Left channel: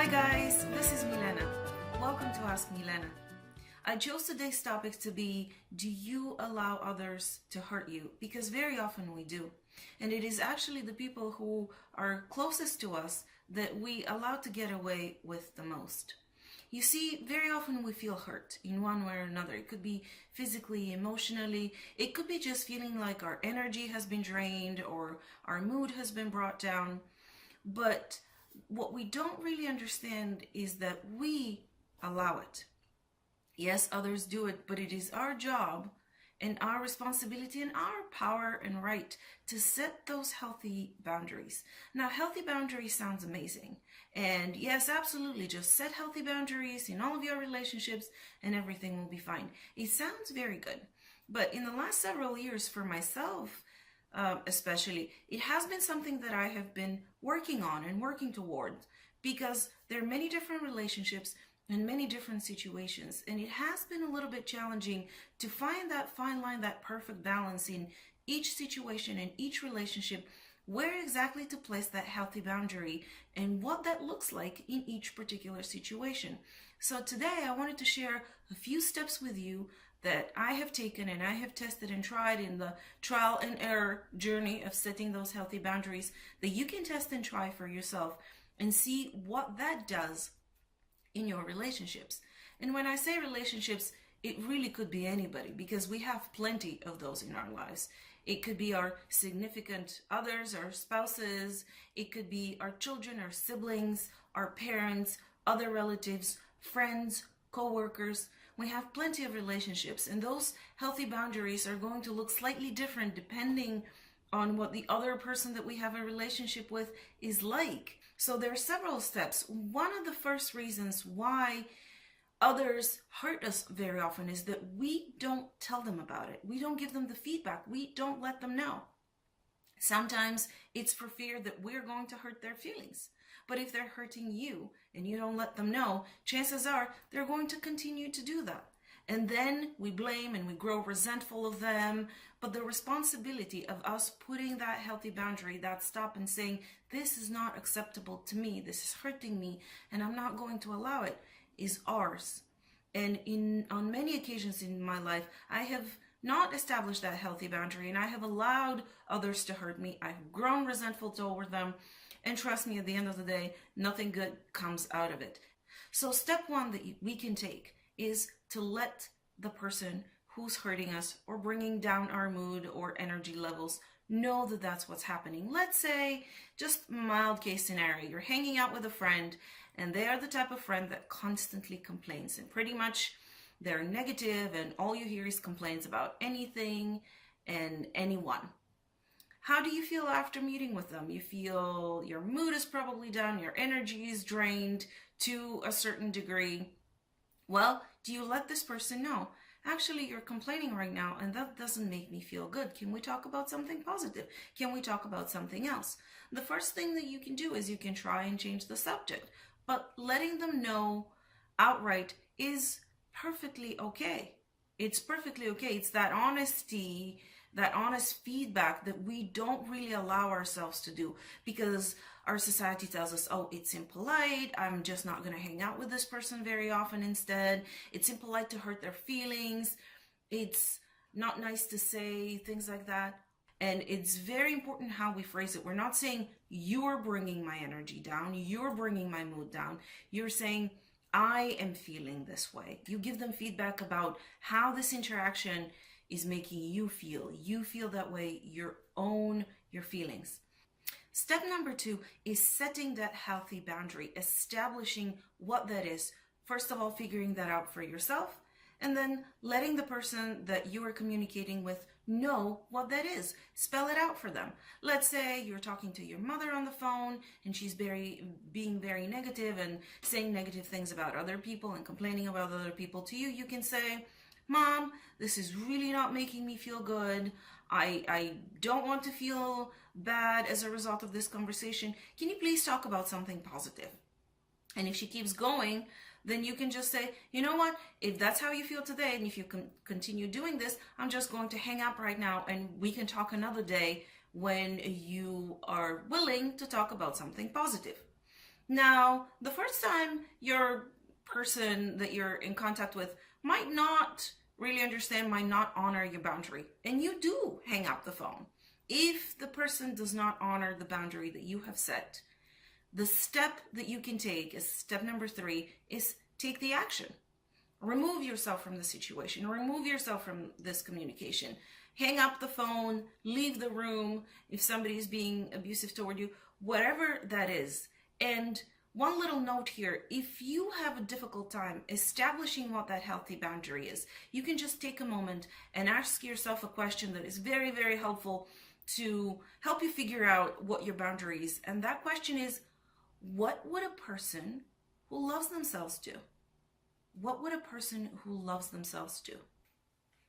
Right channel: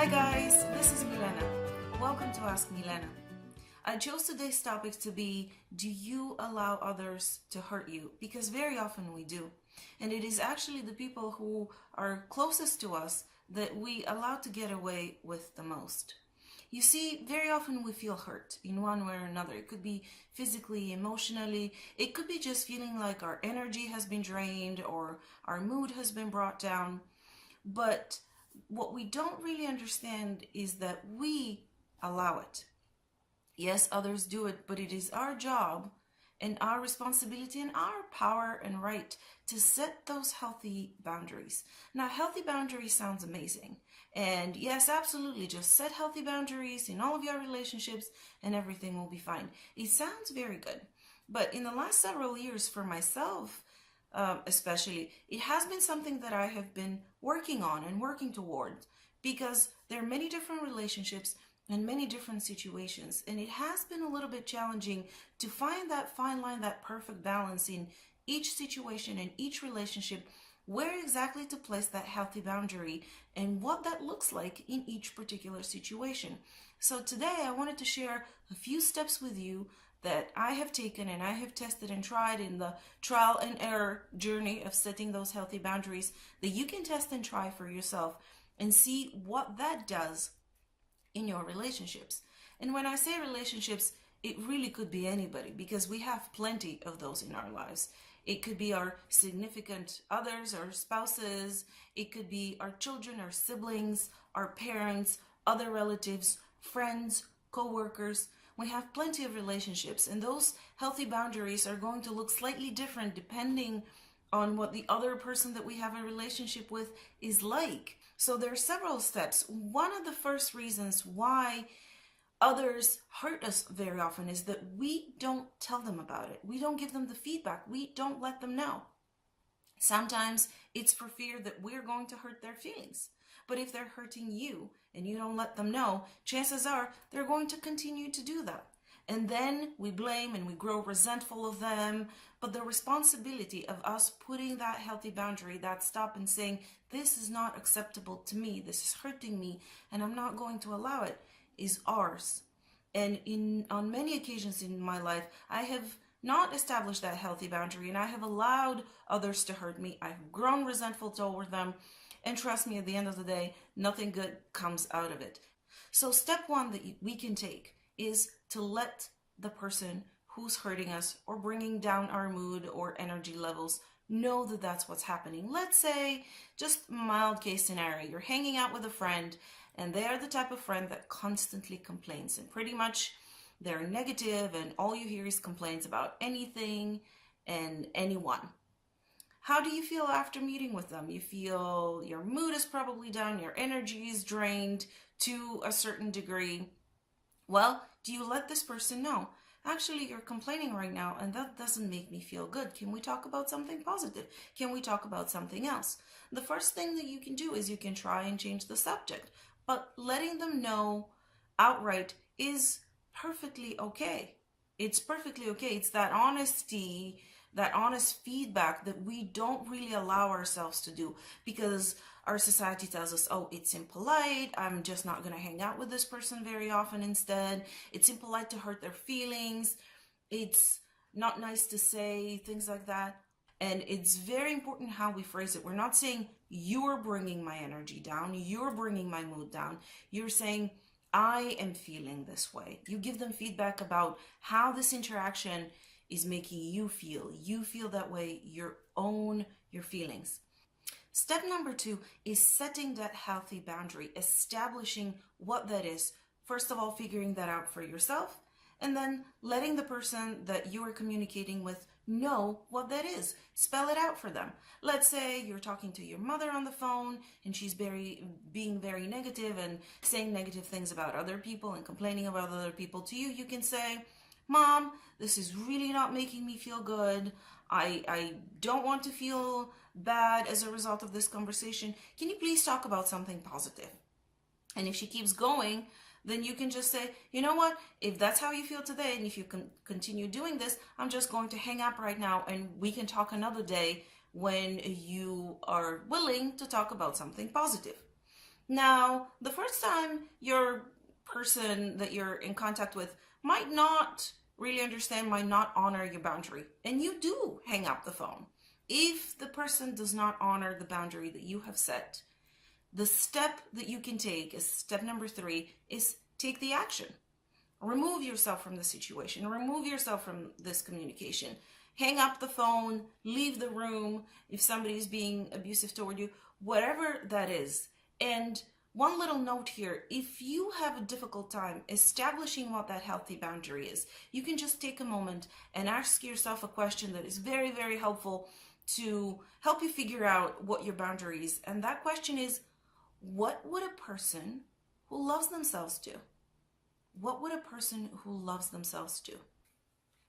Hi guys, this is Milena. Welcome to Ask Milena. I chose today's topic to be, do you allow others to hurt you? Because very often we do. And it is actually the people who are closest to us that we allow to get away with the most. You see, very often we feel hurt in one way or another. It could be physically, emotionally. It could be just feeling like our energy has been drained or our mood has been brought down. But what we don't really understand is that we allow it. Yes, others do it, but it is our job and our responsibility and our power and right to set those healthy boundaries. Now, healthy boundaries sounds amazing. And yes, absolutely, just set healthy boundaries in all of your relationships and everything will be fine. It sounds very good. But in the last several years, for myself especially, it has been something that I have been working on and working towards, because there are many different relationships and many different situations. And it has been a little bit challenging to find that fine line, that perfect balance in each situation and each relationship, where exactly to place that healthy boundary and what that looks like in each particular situation. So today I wanted to share a few steps with you that I have taken and I have tested and tried in the trial and error journey of setting those healthy boundaries that you can test and try for yourself and see what that does in your relationships. And when I say relationships, it really could be anybody, because we have plenty of those in our lives. It could be our significant others, our spouses. It could be our children, our siblings, our parents, other relatives, friends, co-workers. We have plenty of relationships, and those healthy boundaries are going to look slightly different depending on what the other person that we have a relationship with is like. So there are several steps. One of the first reasons why others hurt us very often is that we don't tell them about it. We don't give them the feedback. We don't let them know. Sometimes it's for fear that we're going to hurt their feelings. But if they're hurting you and you don't let them know, chances are they're going to continue to do that. And then we blame and we grow resentful of them. But the responsibility of us putting that healthy boundary, that stop, and saying, this is not acceptable to me, this is hurting me, and I'm not going to allow it, is ours. And on many occasions in my life, I have not established that healthy boundary, and I have allowed others to hurt me. I've grown resentful toward them. And trust me, at the end of the day, nothing good comes out of it. So step one that we can take is to let the person who's hurting us or bringing down our mood or energy levels know that that's what's happening. Let's say, just mild case scenario, you're hanging out with a friend and they are the type of friend that constantly complains, and pretty much they're negative and all you hear is complaints about anything and anyone. How do you feel after meeting with them? You feel your mood is probably down, your energy is drained to a certain degree. Well, do you let this person know? Actually, you're complaining right now and that doesn't make me feel good. Can we talk about something positive? Can we talk about something else? The first thing that you can do is you can try and change the subject, but letting them know outright is perfectly okay. It's perfectly okay. It's that honesty, that honest feedback that we don't really allow ourselves to do, because our society tells us, oh, it's impolite, I'm just not going to hang out with this person very often instead. It's impolite to hurt their feelings. It's not nice to say things like that. And it's very important how we phrase it. We're not saying you're bringing my energy down, you're bringing my mood down. You're saying, I am feeling this way. You give them feedback about how this interaction is making you feel. You feel that way, own your feelings. Step number 2 is setting that healthy boundary, establishing what that is. First of all, figuring that out for yourself, and then letting the person that you are communicating with know what that is. Spell it out for them. Let's say you're talking to your mother on the phone and she's being very negative and saying negative things about other people and complaining about other people to you. You can say, Mom, this is really not making me feel good. I don't want to feel bad as a result of this conversation. Can you please talk about something positive? And if she keeps going, then you can just say, you know what, if that's how you feel today, and if you can continue doing this, I'm just going to hang up right now and we can talk another day when you are willing to talk about something positive. Now, the first time your person that you're in contact with might not really understand, might not honor your boundary, and you do hang up the phone. If the person does not honor the boundary that you have set, the step that you can take is step number 3 is take the action. Remove yourself from the situation, remove yourself from this communication. Hang up the phone, leave the room if somebody is being abusive toward you, whatever that is. And one little note here, if you have a difficult time establishing what that healthy boundary is, you can just take a moment and ask yourself a question that is very, very helpful to help you figure out what your boundary is. And that question is, what would a person who loves themselves do? What would a person who loves themselves do?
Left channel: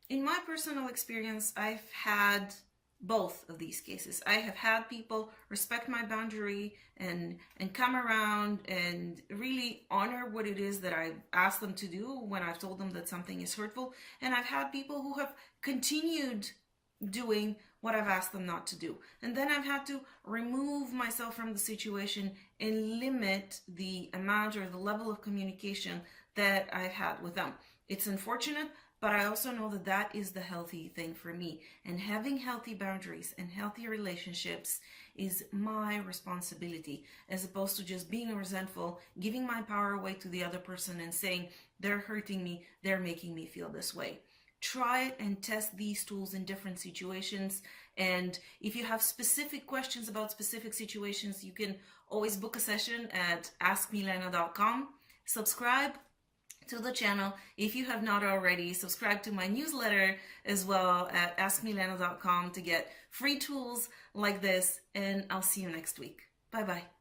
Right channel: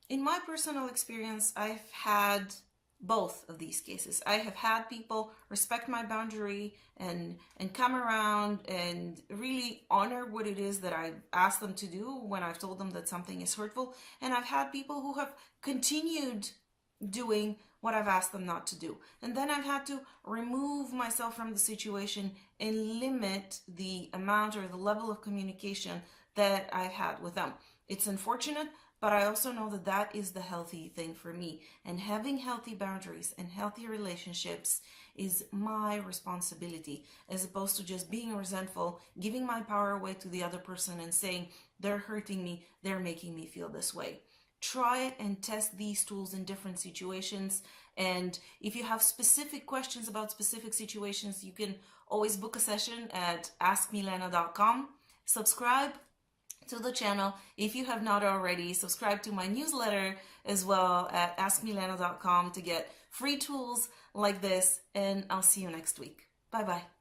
In my personal experience, I've had both of these cases. I have had people respect my boundary and come around and really honor what it is that I've asked them to do when I've told them that something is hurtful. And I've had people who have continued doing what I've asked them not to do. And then I've had to remove myself from the situation and limit the amount or the level of communication that I've had with them. It's unfortunate, but I also know that that is the healthy thing for me. And having healthy boundaries and healthy relationships is my responsibility, as opposed to just being resentful, giving my power away to the other person and saying, they're hurting me, they're making me feel this way. Try it and test these tools in different situations. And if you have specific questions about specific situations, you can always book a session at askmilena.com. Subscribe to the channel if you have not already. Subscribe to my newsletter as well at askmilena.com to get free tools like this. And I'll see you next week. Bye-bye.